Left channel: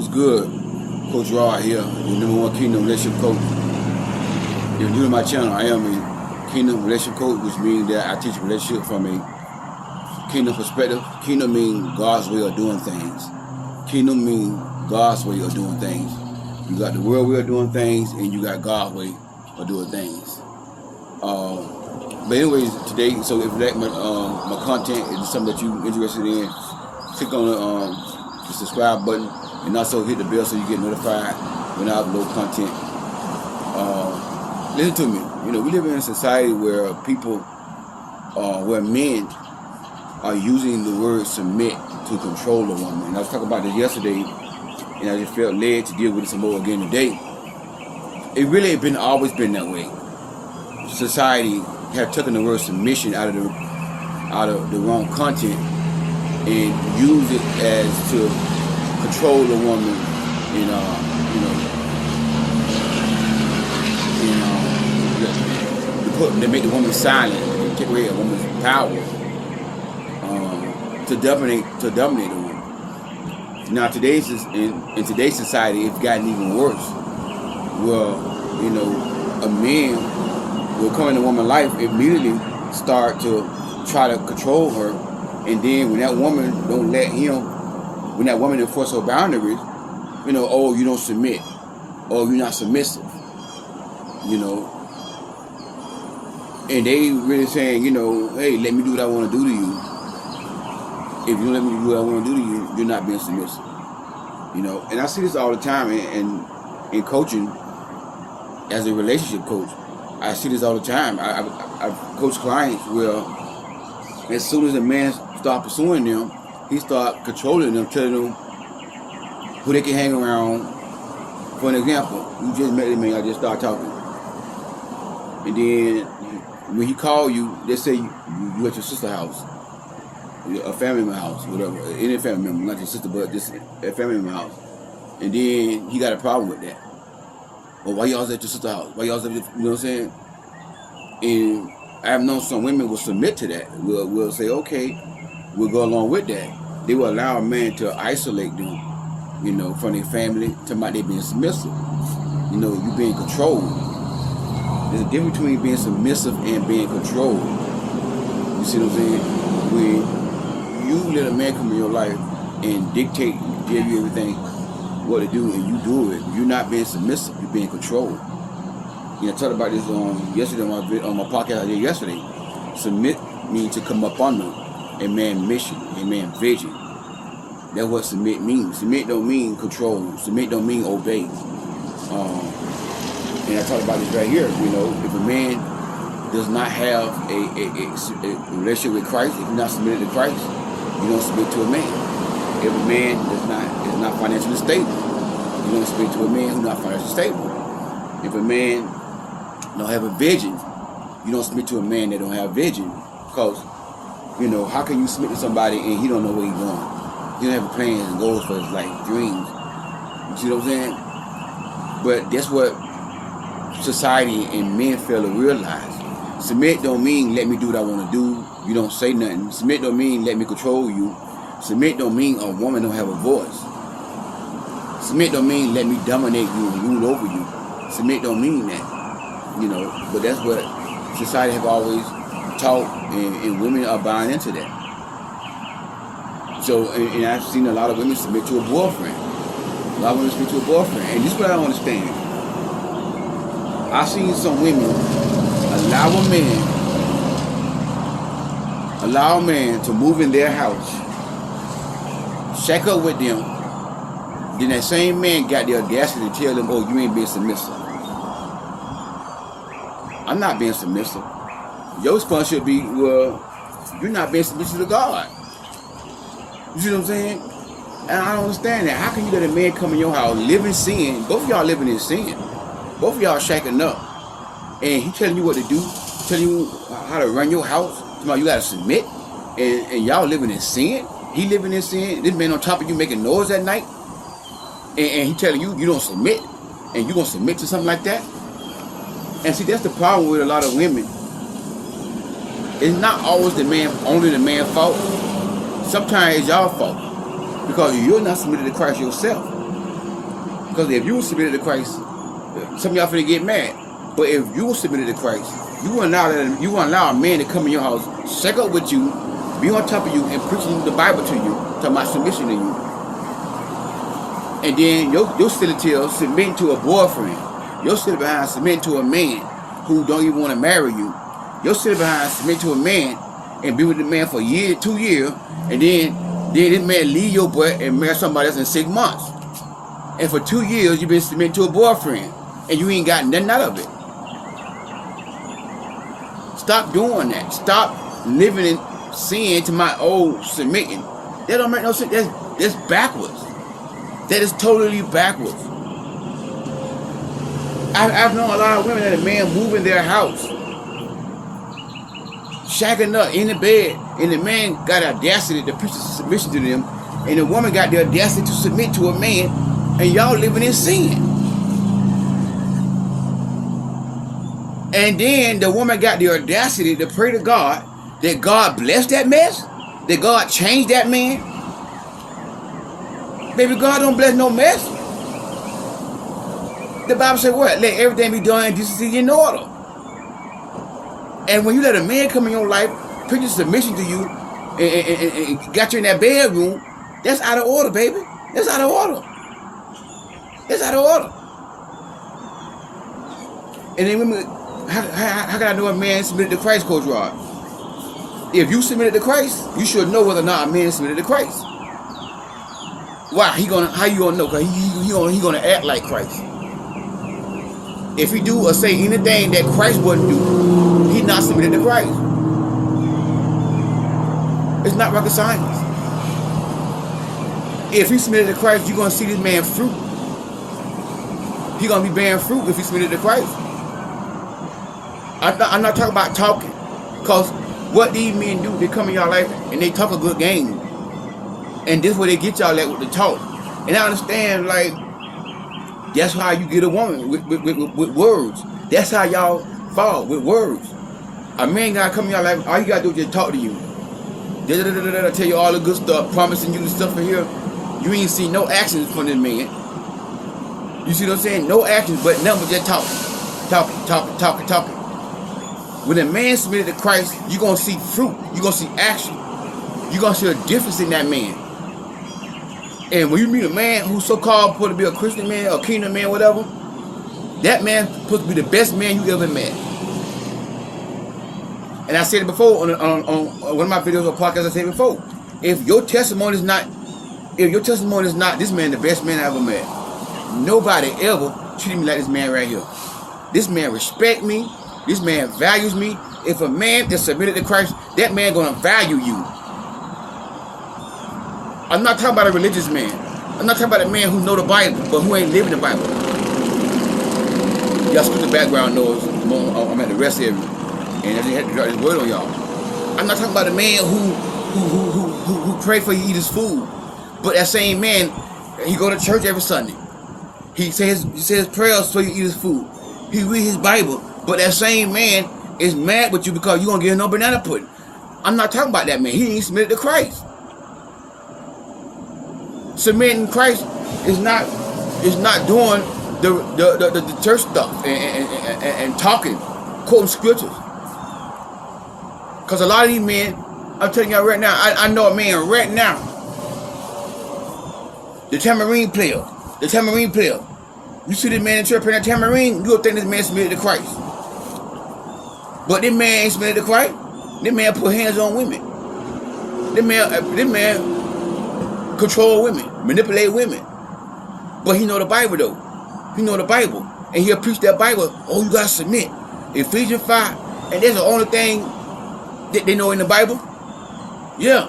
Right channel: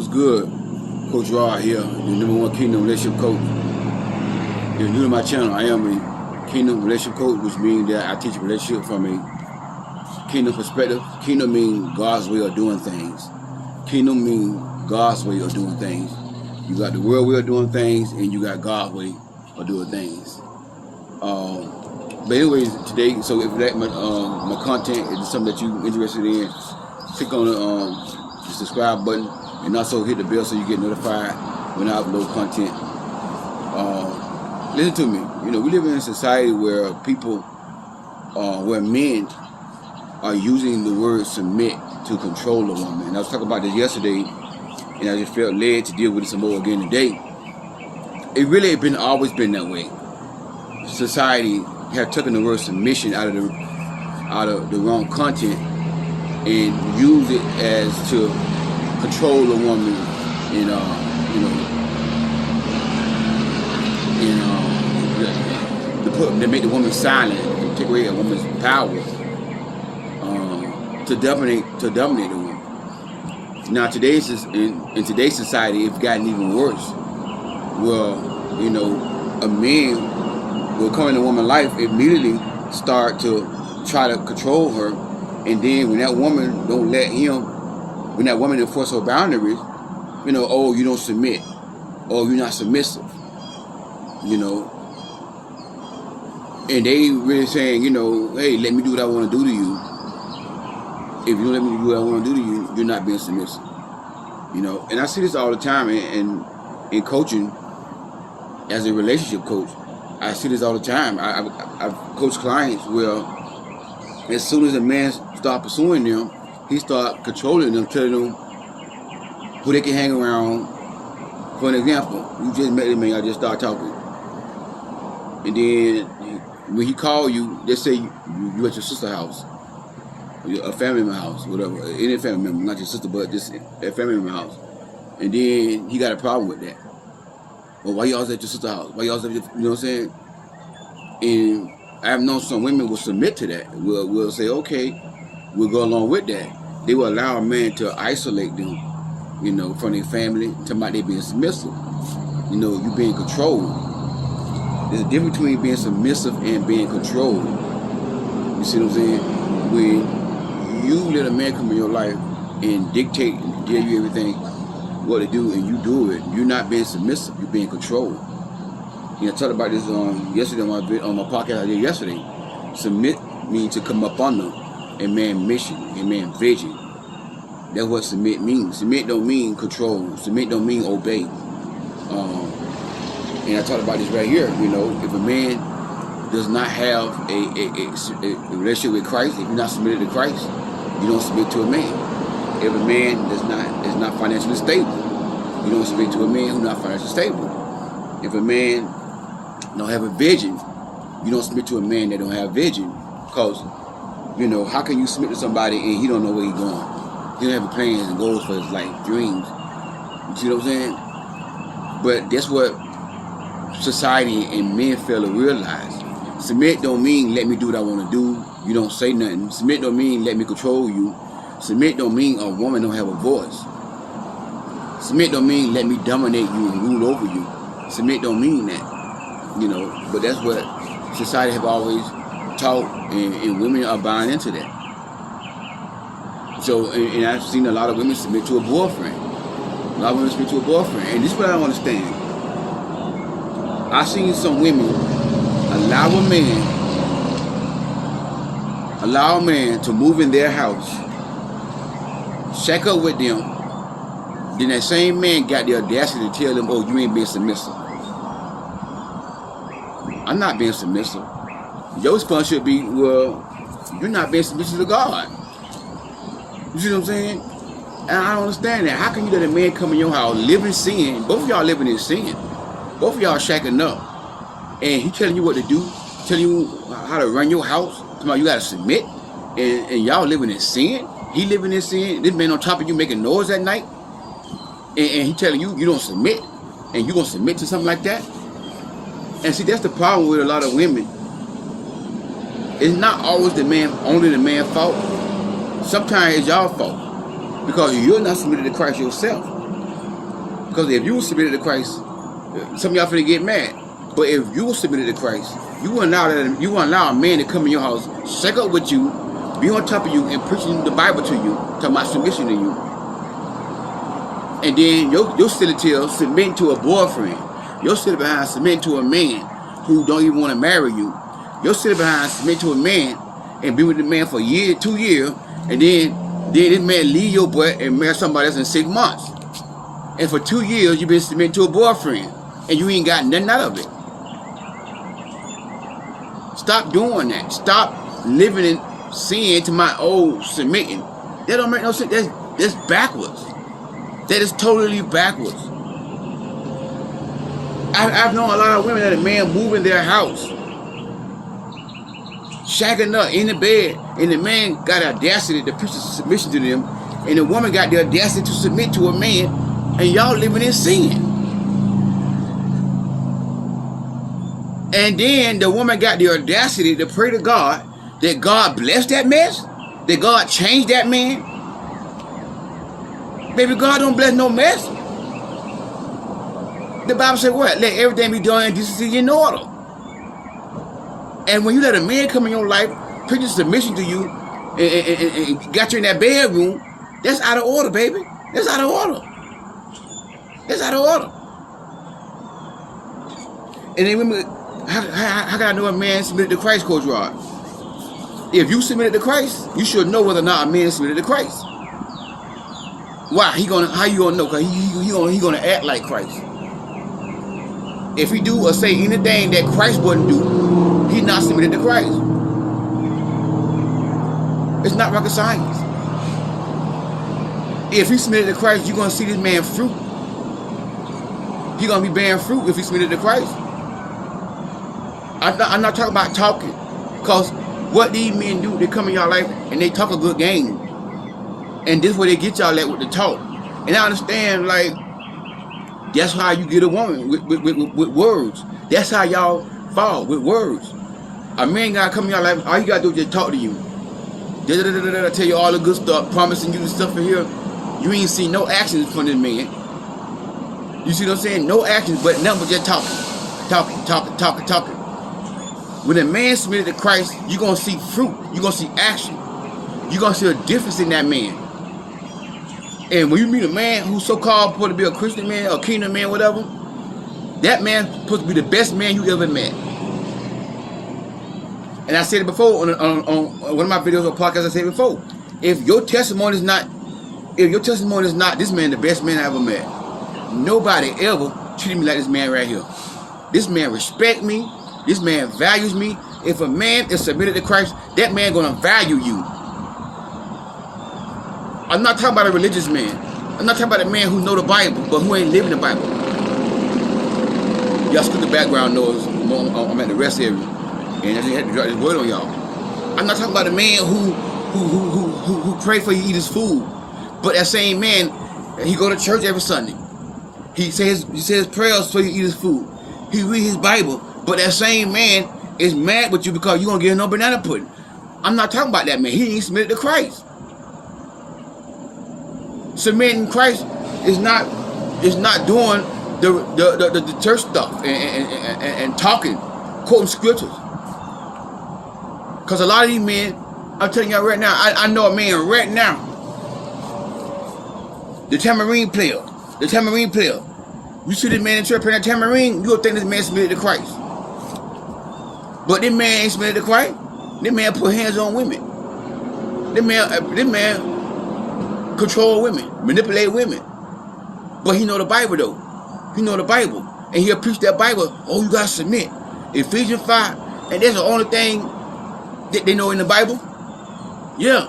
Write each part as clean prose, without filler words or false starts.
What's good? Coach Rod here, the #1 Kingdom Relationship Coach. If you're new to my channel, I am a Kingdom Relationship Coach, which means that I teach relationship from a Kingdom perspective. Kingdom means God's way of doing things. Kingdom means God's way of doing things. You got the world way of doing things, and you got God's way of doing things. But anyways, today, so if that my content is something that you're interested in, click on the subscribe button, and also hit the bell so you get notified when I upload content. Listen to me. You know, we live in a society where people, where men are using the word submit to control a woman. And I was talking about this yesterday, and I just felt led to deal with it some more again today. It really has always been that way. Society have taken the word submission out of the wrong content and use it as to control a woman and to make the woman silent and take away a woman's power to dominate the woman. Now in today's society, it's gotten even worse. Well, you know, a man will come in a woman's life, immediately start to try to control her, and then when that woman don't let him, when that woman enforce her boundaries, you know, oh, you don't submit, oh, you're not submissive, you know, and they really saying, you know, hey, let me do what I want to do to you. If you don't let me do what I want to do to you, you're not being submissive, you know. And I see this all the time in coaching as a relationship coach. I see this all the time. I've coached clients where as soon as a man start pursuing them, he start controlling them, telling them who they can hang around. For an example, you just met a man, I just start talking. And then when he call you, they say you at your sister's house, a family member house, whatever, any family member, not your sister, but just a family member house. And then he got a problem with that. Well, why y'all at your sister's house? Why y'all at your, you know what I'm saying? And I have known some women will submit to that. We'll say, okay, we'll go along with that. They will allow a man to isolate them, you know, from their family, talking about they being submissive. You know, you being controlled. There's a difference between being submissive and being controlled. You see what I'm saying? When you let a man come in your life and dictate, give you everything, what to do, and you do it, you're not being submissive, you're being controlled. You know, I talked about this yesterday on my podcast I did yesterday. Submit means to come up under a man's mission, a man's vision. That's what submit means. Submit don't mean control. Submit don't mean obey. And I talked about this right here. You know, if a man does not have a relationship with Christ, if you're not submitted to Christ, you don't submit to a man. If a man is not financially stable, you don't submit to a man who's not financially stable. If a man don't have a vision, you don't submit to a man that don't have vision. Because, you know, how can you submit to somebody and he don't know where he's going? He don't have plans and goals for his life, dreams. You see what I'm saying? But that's what society and men fail to realize. Submit don't mean let me do what I want to do. You don't say nothing. Submit don't mean let me control you. Submit don't mean a woman don't have a voice. Submit don't mean let me dominate you and rule over you. Submit don't mean that, you know. But that's what society have always taught, and women are buying into that. So, and I've seen a lot of women submit to a boyfriend. A lot of women submit to a boyfriend, and this is what I don't understand. I've seen some women allow a man to move in their house, shack up with them, then that same man got the audacity to tell them, oh, you ain't being submissive. I'm not being submissive. Your response should be, well, you're not being submissive to God. You see what I'm saying? And I don't understand that. How can you let a man come in your house, live in sin? Both of y'all living in sin. Both of y'all shacking up. And he telling you what to do, telling you how to run your house. You got to submit. And y'all living in sin. He living in sin. This man on top of you making noise at night. And he telling you don't submit. And you going to submit to something like that? And see, that's the problem with a lot of women. It's not always only the man's fault. Sometimes it's your fault. Because you're not submitted to Christ yourself. Because if you were submitted to Christ, some of y'all finna get mad. But if you were submitted to Christ, you wouldn't allow a man to come in your house, shake up with you, be on top of you, and preaching the Bible to you, talking about submission to you. And then you're sitting till submitting to a boyfriend. You're sitting behind submitting to a man who don't even want to marry you. You're sitting behind submitting to a man and be with the man for a year, 2 years, and then this man leave your butt and marry somebody else in 6 months. And for 2 years you've been submitting to a boyfriend and you ain't got nothing out of it. Stop doing that. Stop living in sin to my old submitting. That don't make no sense. That's backwards. That is totally backwards. I've known a lot of women that a man move in their house, shacking up in the bed, and the man got audacity to preach submission to them, and the woman got the audacity to submit to a man, and y'all living in sin. And then the woman got the audacity to pray to God that God bless that mess, that God change that man. Baby, God don't bless no mess. The Bible said what? Let everything be done in decency and order. And when you let a man come in your life, preach submission to you, and got you in that bedroom, that's out of order, baby. That's out of order. That's out of order. And then women, how can I know a man submitted to Christ, Coach Rod? If you submitted to Christ, you should know whether or not a man submitted to Christ. Why? How you gonna know? Because he gonna act like Christ. If he do or say anything that Christ wouldn't do, he's not submitted to Christ. It's not rocket science. If he submitted to Christ, you're gonna see this man fruit. He's gonna be bearing fruit if he submitted to Christ. I'm not talking about talking, because what these men do, they come in your life and they talk a good game. And this is where they get y'all at with the talk. And I understand, like, that's how you get a woman, with words. That's how y'all fall, with words. A man gotta come in your life, all you gotta do is just talk to you. Tell you all the good stuff, promising you the stuff in here. You ain't see no actions from this man. You see what I'm saying? No actions, but nothing but just talking. When a man submitted to Christ, you're gonna see fruit. You're gonna see action. You're gonna see a difference in that man. And when you meet a man who's so-called supposed to be a Christian man or a kingdom man, whatever, that man's supposed to be the best man you ever met. And I said it before on one of my videos or podcasts. I said it before. If your testimony is not this man the best man I ever met, nobody ever treated me like this man right here. This man respect me. This man values me. If a man that's submitted to Christ, that man gonna value you. I'm not talking about a religious man. I'm not talking about a man who know the Bible, but who ain't living the Bible. Y'all screw the background noise. I'm at the rest area, and I just had to drop this word on y'all. I'm not talking about a man who pray for you to eat his food, but that same man, he go to church every Sunday. He says prayers so you eat his food. He read his Bible, but that same man is mad with you because you gonna give him no banana pudding. I'm not talking about that man. He ain't submitted to Christ. Submitting Christ is not doing the church stuff and talking, quoting scriptures. Because a lot of these men, I'm telling y'all right now, I know a man right now, the tambourine player. You see this man in church playing that tambourine, you'll think this man submitted to Christ. But this man ain't submitted to Christ. This man put hands on women. This man control women, manipulate women. But he know the Bible though. He know the Bible. And he'll preach that Bible. Oh, you gotta submit. Ephesians 5. And that's the only thing that they know in the Bible. Yeah.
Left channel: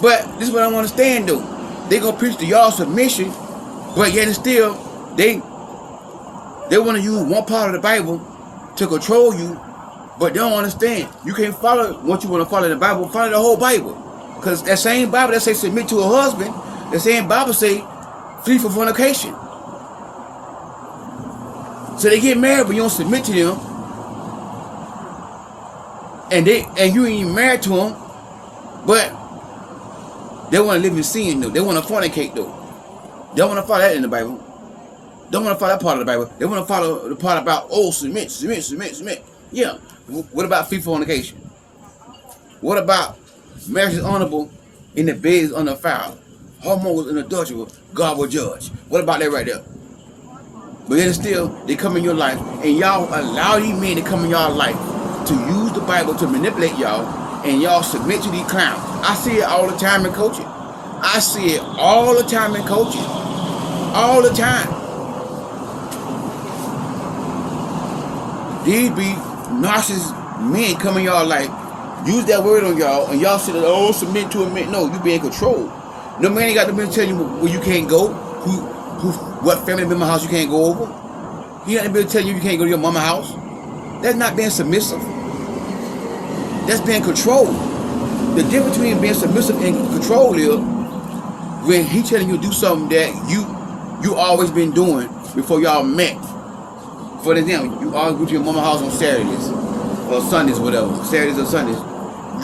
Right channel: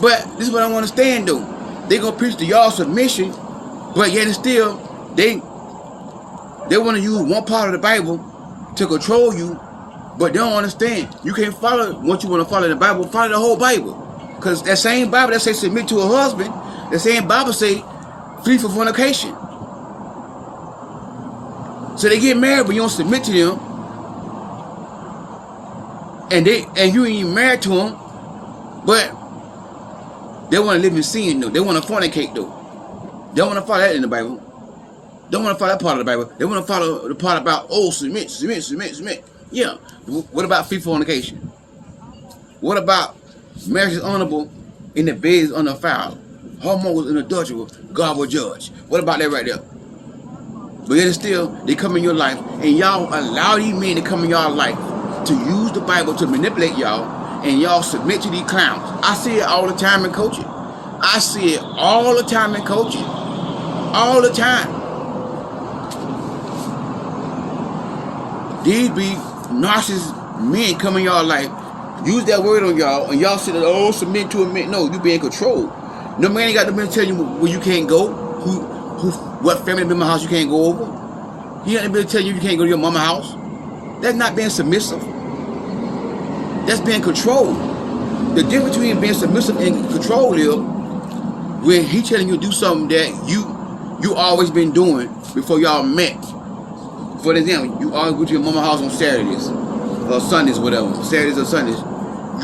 But this is what I want to understand though. They gonna preach to y'all submission, but yet and still they want to use one part of the Bible to control you, but they don't understand. You can't follow what you want to follow the Bible, follow the whole Bible. Because that same Bible that say submit to a husband, the same Bible say flee from fornication. So they get married, but you don't submit to them. And you ain't even married to them, but they want to live in sin though. They want to fornicate though. They don't want to follow that in the Bible. Don't want to follow that part of the Bible. They want to follow the part about, oh, submit, submit, submit, submit. Yeah. What about free fornication? What about marriage is honorable and the bed is undefiled? Homos and adultery, God will judge. What about that right there? But yet still, they come in your life, and y'all allow these men to come in y'all life to use the Bible to manipulate y'all, and y'all submit to these clowns. I see it all the time in coaching. I see it all the time in coaching. All the time. These be narcissist men come in y'all life, use that word on y'all, and y'all say, oh, submit to a man. No, you be in control. No man ain't got the man to tell you where you can't go, what family member house you can't go over. He ain't able to tell you can't go to your mama house. That's not being submissive. That's being controlled. The difference between being submissive and control is when he telling you to do something that you always been doing before y'all met. For example, you always go to your mama house on Saturdays or Sundays, whatever. Saturdays or Sundays,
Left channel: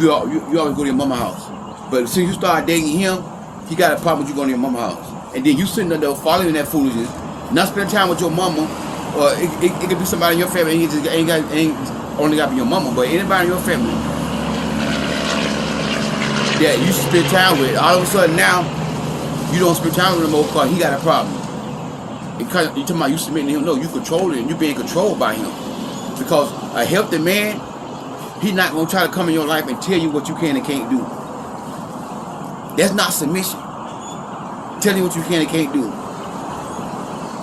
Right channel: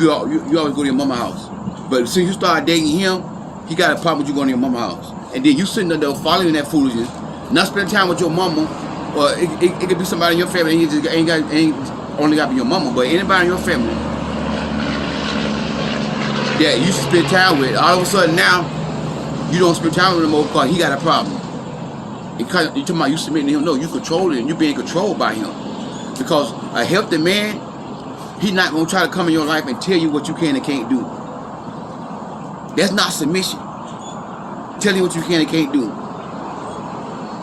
you always go to your mama house. But as soon as you start dating him, he got a problem with you going to your mama house. And then you sitting there following that foolishness, not spending time with your mama, or it could be somebody in your family, and you just ain't only got to be your mama, but anybody in your family that you should spend time with. All of a sudden now, you don't spend time with him no more because he got a problem. You talking about you submitting to him? No, you controlling him. You being controlled by him. Because a healthy man, he's not going to try to come in your life and tell you what you can and can't do. That's not submission. Tell you what you can and can't do.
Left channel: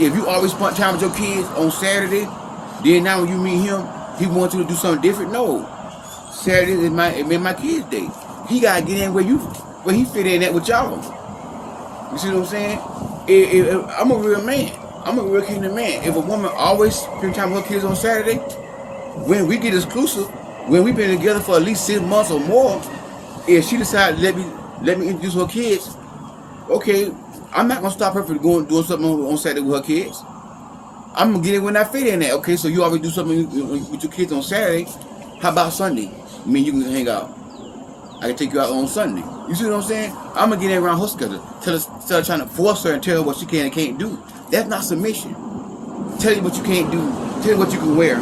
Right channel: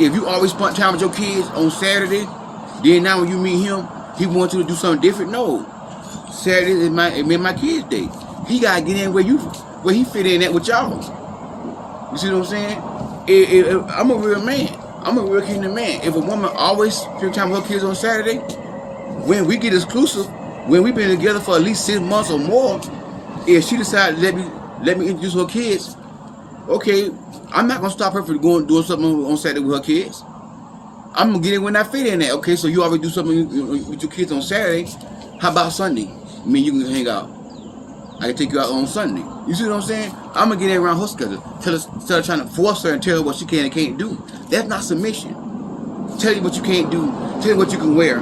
If you always spend time with your kids on Saturday, then now when you meet him, he wants you to do something different. No, Saturday is my kids' day. He gotta get in where he fit in at with y'all. You see what I'm saying? I'm a real man. I'm a real kingdom man. If a woman always spend time with her kids on Saturday, when we get exclusive, when we've been together for at least 6 months or more, if she decided to let me introduce her kids, okay, I'm not gonna stop her from doing something on Saturday with her kids. I'm gonna get it when I fit in there. Okay, so you already do something with your kids on Saturday. How about Sunday? I mean, you can hang out. I can take you out on Sunday. You see what I'm saying? I'm gonna get in around her schedule. Instead of trying to force her and tell her what she can and can't do. That's not submission. Tell you what you can't do. Tell you what you can wear.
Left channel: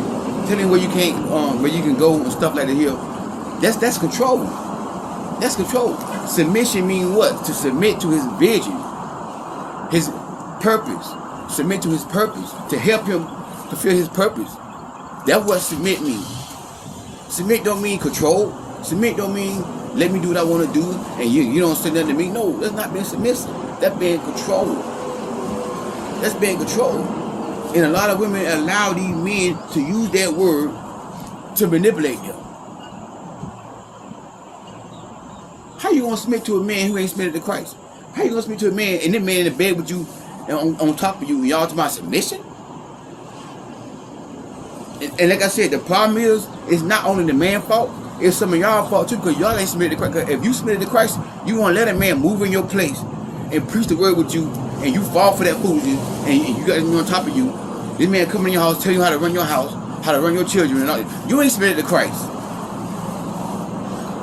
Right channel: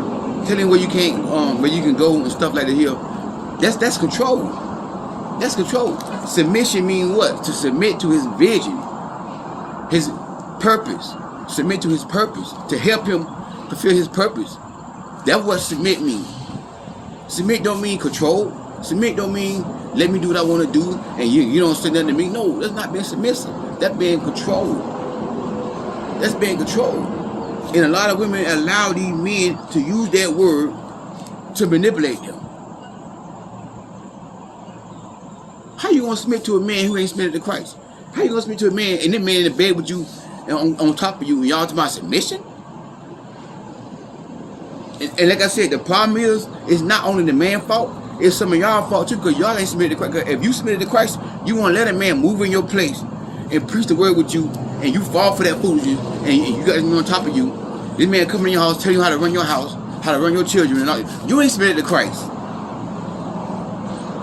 Tell you where you can't, where you can go and stuff like that here. That's control. That's control. Submission means what? To submit to his vision, his purpose. Submit to his purpose. To help him fulfill his purpose. That's what submit means. Submit don't mean control. Submit don't mean let me do what I want to do and you don't say nothing to me. No, that's not being submissive. That's being controlled. That's being controlled. And a lot of women allow these men to use that word to manipulate them. How you gonna submit to a man who ain't submitted to Christ? How you gonna submit to a man and that man in the bed with you and on top of you and y'all talking about submission? And like I said, the problem is it's not only the man's fault, it's some of y'all fault too, because y'all ain't submitted to Christ. If you submitted to Christ, you want to let a man move in your place and preach the word with you, and you fall for that foolishness, and you got him on top of you. This man come in your house, tell you how to run your house, how to run your children, and all. You ain't submitted to Christ.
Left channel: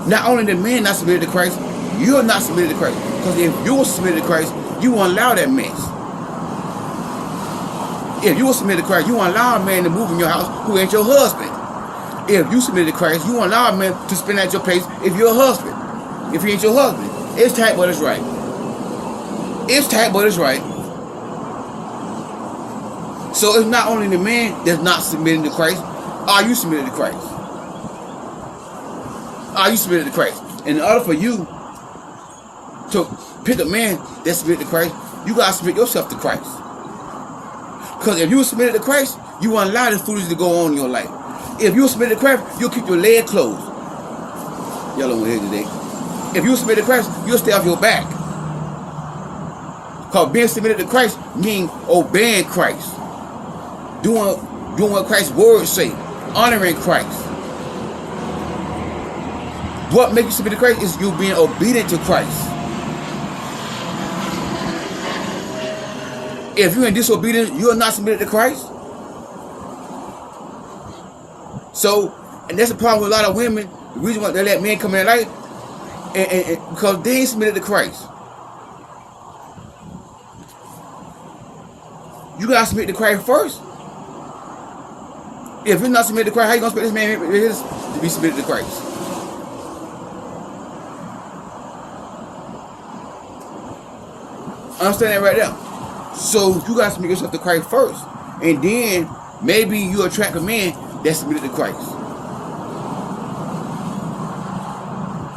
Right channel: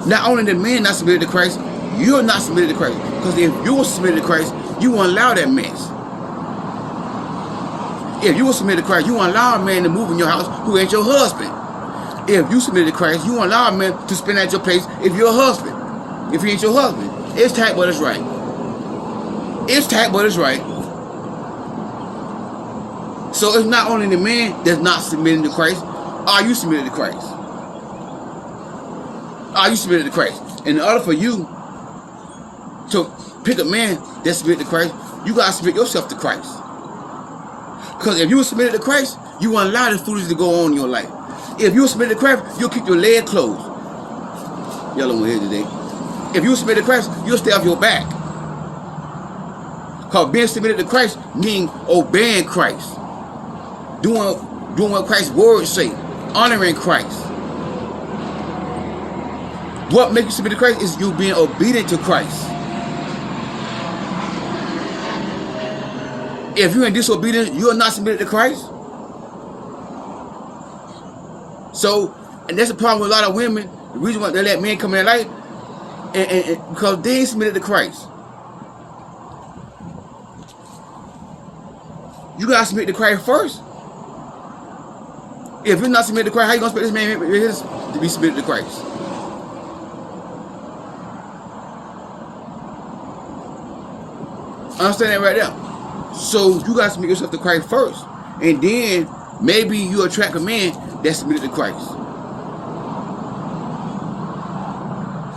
Not only the man not submitted to Christ, you're not submitted to Christ. Because if you're submitted to Christ, you won't allow that mess. If you were submitted to Christ, you won't allow a man to move in your house who ain't your husband. If you submitted to Christ, you won't allow a man to spend at your place if you're a husband. If he ain't your husband. It's tight, but it's right. It's tight, but it's right. So it's not only the man that's not submitting to Christ. Are you submitted to Christ? Are you submitted to Christ? And in order for you to pick a man that's submitted to Christ, you got to submit yourself to Christ. Because if you were submitted to Christ, you won't allow this foolishness to go on in your life. If you were submitted to Christ, you'll keep your legs closed. Y'all don't want to hear today. If you were submitted to Christ, you'll stay off your back. Because being submitted to Christ means obeying Christ. Doing what Christ's words say. Honoring Christ. What makes you submit to Christ is you being obedient to Christ. If you're in disobedience, you're not submitted to Christ. So, and that's the problem with a lot of women. The reason why they let men come in their life, and because they ain't submitted to Christ. You gotta submit to Christ first. If you're not submitted to Christ, how you gonna expect this man to be submitted to Christ? Understand that right there. So you gotta submit yourself to Christ first, and then maybe you attract a man that's submitted to Christ.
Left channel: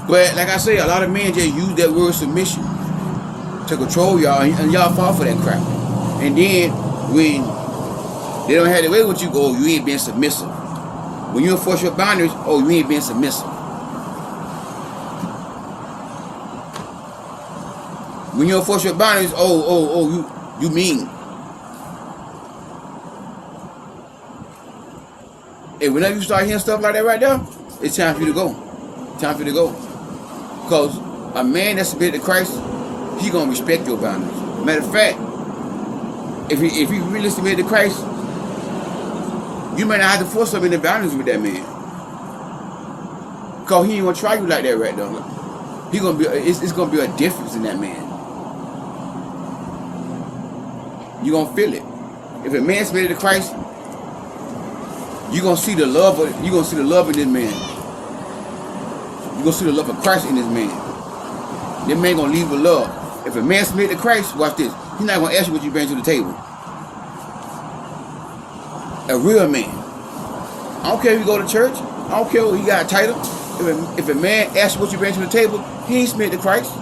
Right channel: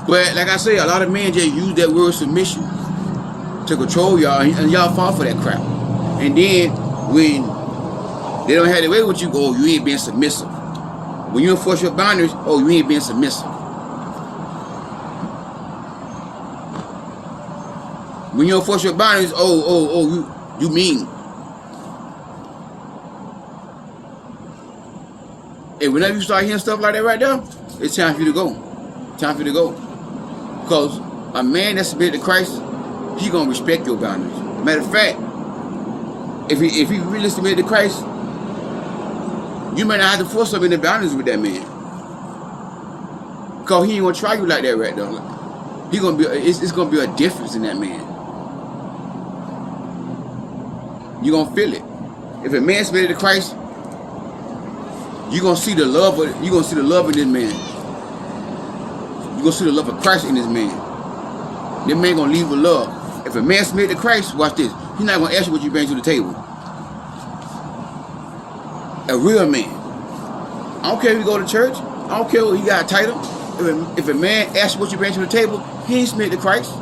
But like I say, a lot of men just use that word submission to control y'all, and y'all fall for that crap. And then when they don't have their way with you, oh, you ain't being submissive. When you enforce your boundaries, oh, you ain't being submissive. When you enforce your boundaries, you mean. And whenever you start hearing stuff like that right there, it's time for you to go. Time for you to go. Because a man that's submitted to Christ, he gonna respect your boundaries. Matter of fact, if he really submitted to Christ, you may not have to force him in the boundaries with that man. Because he ain't gonna try you like that right now. It's gonna be a difference in that man. You gonna feel it. If a man submitted to Christ, you gonna see the love in this man. You gonna see the love of Christ in this man. That man gonna leave with love. If a man submitted to Christ, watch this. He's not gonna ask you what you bring to the table. A real man. I don't care if you go to church. I don't care if he got a title. If a man asks you what you bring to the table, he ain't submitted to Christ.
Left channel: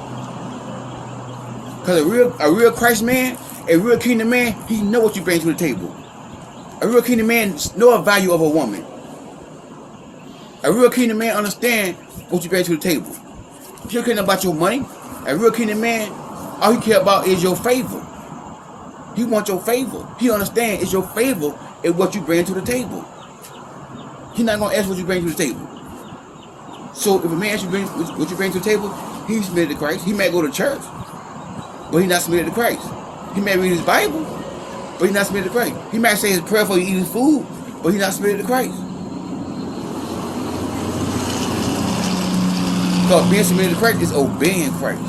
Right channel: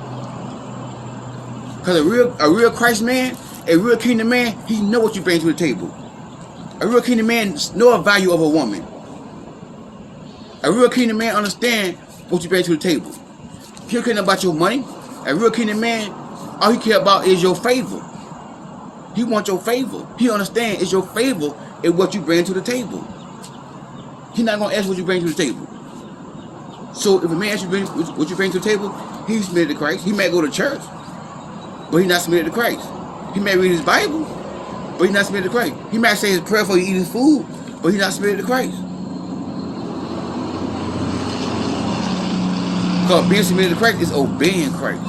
Because a real Christ man, a real kingdom man, he know what you bring to the table. A real kingdom man know the value of a woman. A real kingdom man understand what you bring to the table. He don't care about your money. A real kingdom man, all he care about is your favor. He wants your favor. He understands it's your favor is what you bring to the table. He's not going to ask what you bring to the table. So if a man asks you what you bring to the table, he's submitted to Christ. He may go to church, but he's not submitted to Christ. He may read his Bible, but he's not submitted to Christ. He might say his prayer before he eat his food, but he's not submitted to Christ. Because being submitted to Christ is obeying Christ.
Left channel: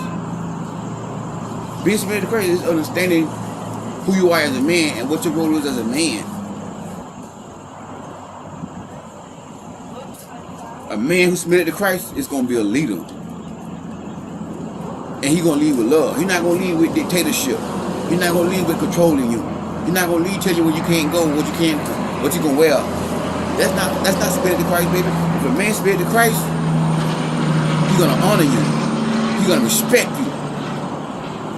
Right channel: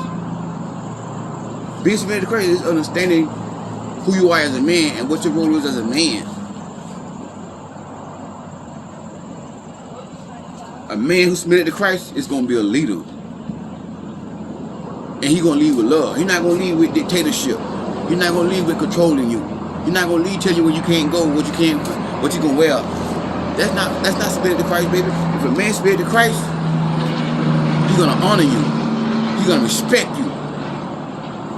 Being submitted to Christ is understanding who you are as a man and what your role is as a man. A man who's submitted to Christ is going to be a leader. And he's going to lead with love. He's not going to lead with dictatorship. He's not going to lead with controlling you. He's not going to lead telling you where you can't go, what you're going to wear. That's not submitted to Christ, baby. If a man submitted to Christ, he's going to honor you. He's going to respect you.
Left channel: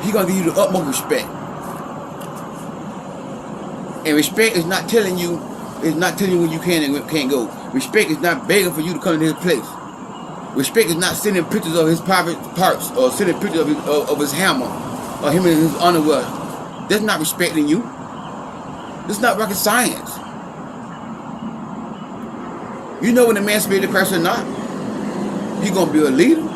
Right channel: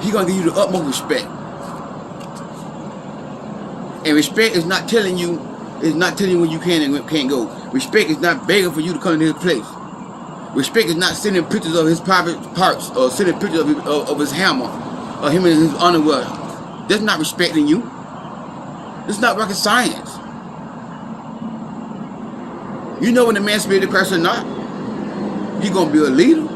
He's going to give you the utmost respect. And respect is not telling you where you can and can't go. Respect is not begging for you to come to his place. Respect is not sending pictures of his private parts or sending pictures of his hammer or him in his underwear. That's not respecting you. That's not rocket science. You know when the man submitted to Christ or not? He's going to be a leader.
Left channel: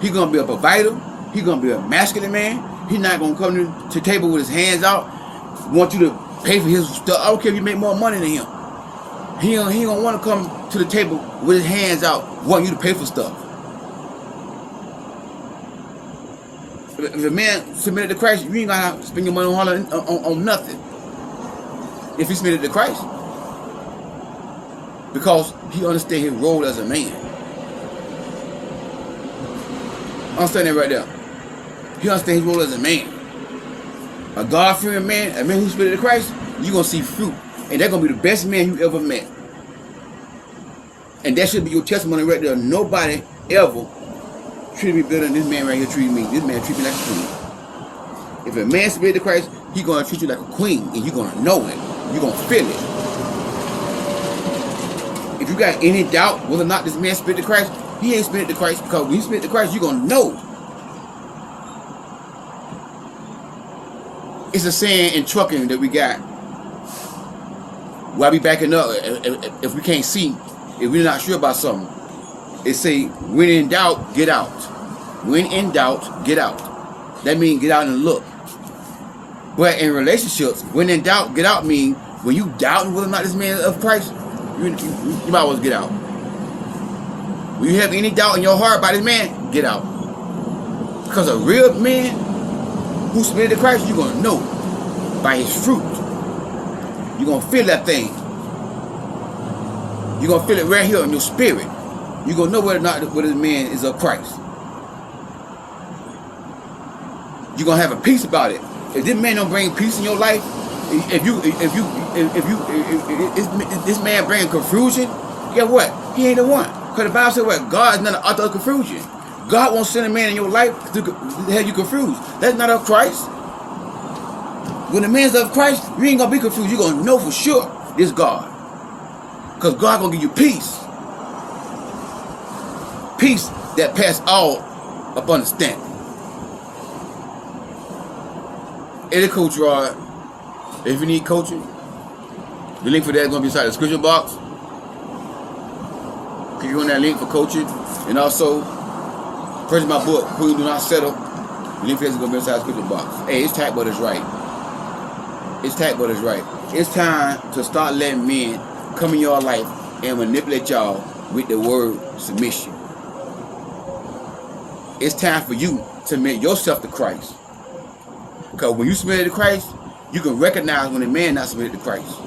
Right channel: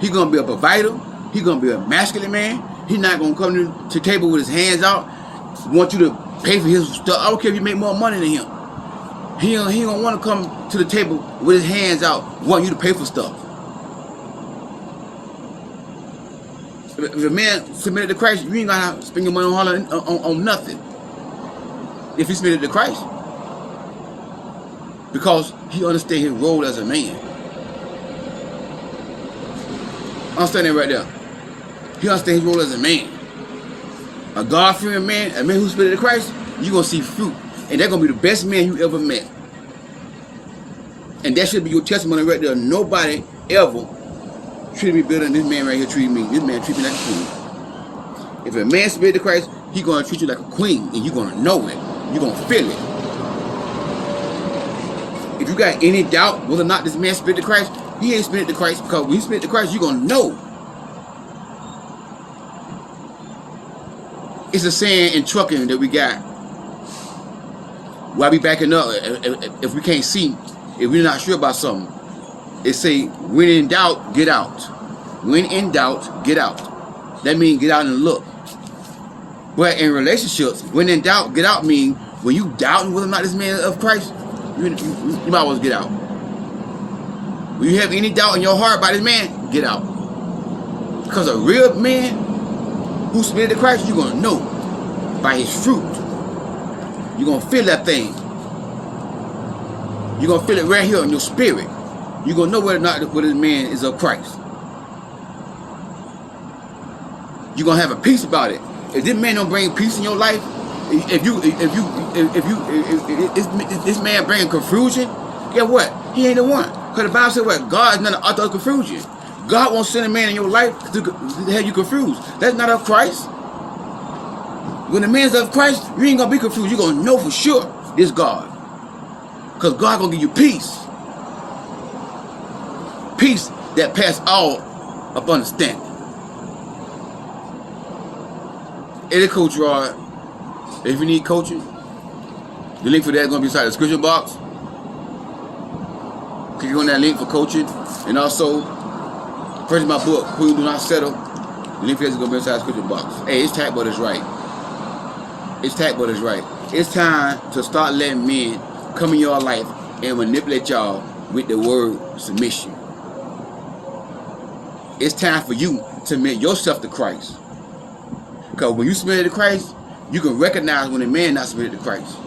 He's going to be a provider. He's going to be a masculine man. He's not going to come to the table with his hands out, want you to pay for his stuff. I don't care if you make more money than him. He don't want to come to the table with his hands out, want you to pay for stuff. If a man submitted to Christ, you ain't going to spend your money on nothing. If he submitted to Christ. Because he understands his role as a man. Understand that right there. He understands his role as a man. A God-fearing man, a man who's submitted to Christ, you're going to see fruit. And that's going to be the best man you ever met. And that should be your testimony right there. Nobody ever treated me better than this man right here treated me. This man treated me like a queen. If a man submitted to Christ, he's going to treat you like a queen. And you're going to know it. You're going to feel it. If you got any doubt whether or not this man submitted to Christ, he ain't submitted to Christ. Because when he submitted to Christ, you're going to know. It's a saying in trucking that we got. Why we backing up if we can't see, if we're not sure about something? They say, when in doubt, get out. When in doubt, get out. That means get out and look. But in relationships, when in doubt, get out means when you doubt whether or not this man is of Christ, you might as well get out. When you have any doubt in your heart about this man, get out. Because a real man who submitted to Christ, you're going to know. by his fruit. You're going to feel that thing. You're going to feel it right here in your spirit. You're going to know whether or not this man is of Christ. You're going to have a peace about it. If this man don't bring peace in your life, if this man bring confusion, guess what? He ain't the one. Because the Bible said what? God is not the author of confusion. God won't send a man in your life to have you confused. That's not of Christ. When the man's of Christ, you ain't going to be confused. You're going to know for sure this God. Because God going to give you peace. Peace that passes all of understanding. Eddie Coach Rod, if you need coaching, the link for that is going to be inside the description box. Click on that link for coaching. And also, purchase my book, Who You Do Not Settle. The link for that is going to be inside the description box. Hey, it's Tack Butters right. It's Tack Butters right. It's time to start letting men come in your life and manipulate y'all with the word submission. It's time for you to submit yourself to Christ. Because when you submit to Christ, you can recognize when a man not submitted to Christ.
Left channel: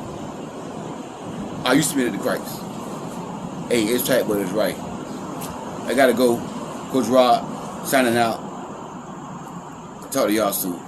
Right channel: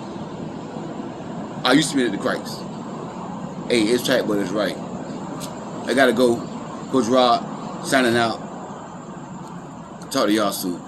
Are you submitted to Christ? Hey, it's Tack Butters right. I gotta go. Coach Rod signing out. Talk to y'all soon.